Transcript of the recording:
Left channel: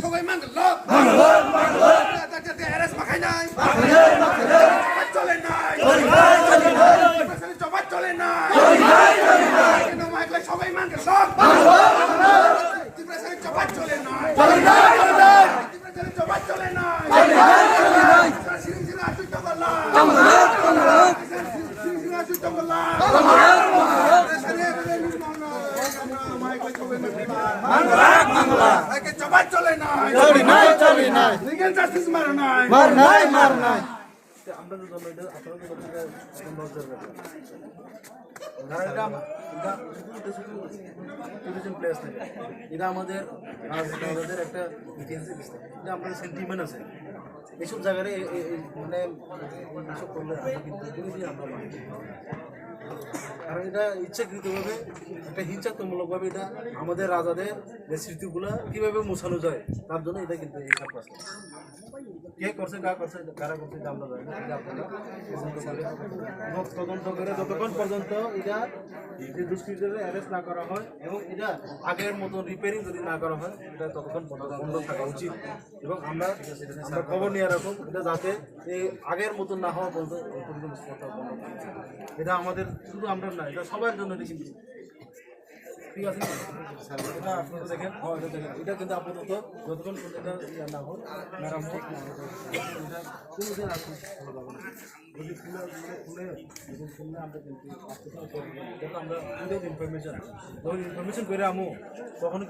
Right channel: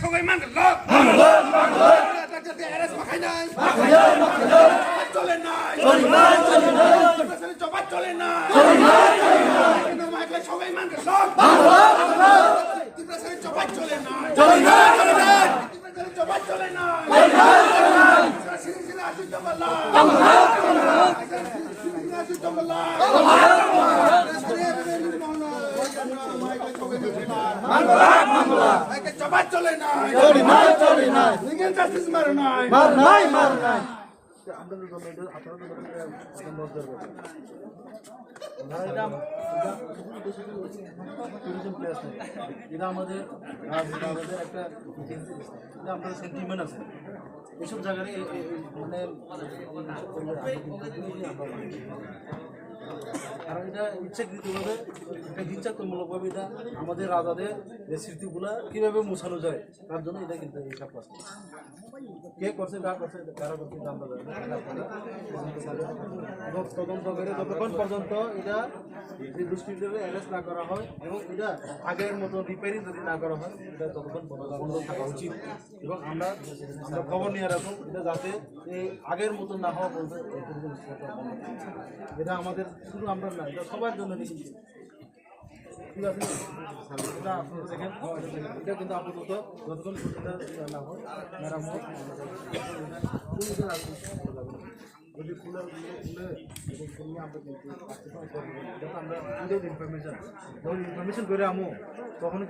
সবাই মাখাই নাই চলে নাই জবাব চলে নাই সবাই মানে জবাব চলে নাই জবাব চলে নাই জবাব চলে নাই লিগেল জাস্টিস মার নাই আমরা জন্য এটা আপনাদের জন্য নজর রাখবেন টুরিজম প্লেস থাকে এটা আমাদের রাজনীতির একটা এটা আমাদের সেন্টিমেন্ট আছে এইসব জায়গায় মানে এইসব করলে আমরা কারণ এটা ইচ্ছাকৃতভাবে একটা হিংসাত্মকমূলকভাবে এটা আমাদের রাজাদের যে স্মৃতিগুলা কীভাবে মোছানো যায় তার জন্য এটা কিন্তু এই সব আছে কে করছে কারা করছে এটা আমরা জানি তদন্ত করে যতক্ষণ পর্যন্ত এটা যে দুষ্কৃতীদের অ্যারেস্ট না করা হয় এবং এটা আগের মতো রিপেয়ারিং যদি না করা হয় এটা ততক্ষণ বন্ধ থাকা উচিত এবং আমরা খবর নিয়ে রাখুন এটা যাতে এই আগের মতো না হওয়া পর্যন্ত এটা আমাদের শুধু আমরা না এটা সবার জন্য ঠিক আছে এটা আপনারা দেখেন এটা কিন্তু আপাতত যতক্ষণ না হয় যদি ফুলে আমরা কিন্তু আমরা ইনফরমেশন যখন ইনফরমেশন করে আমো তখন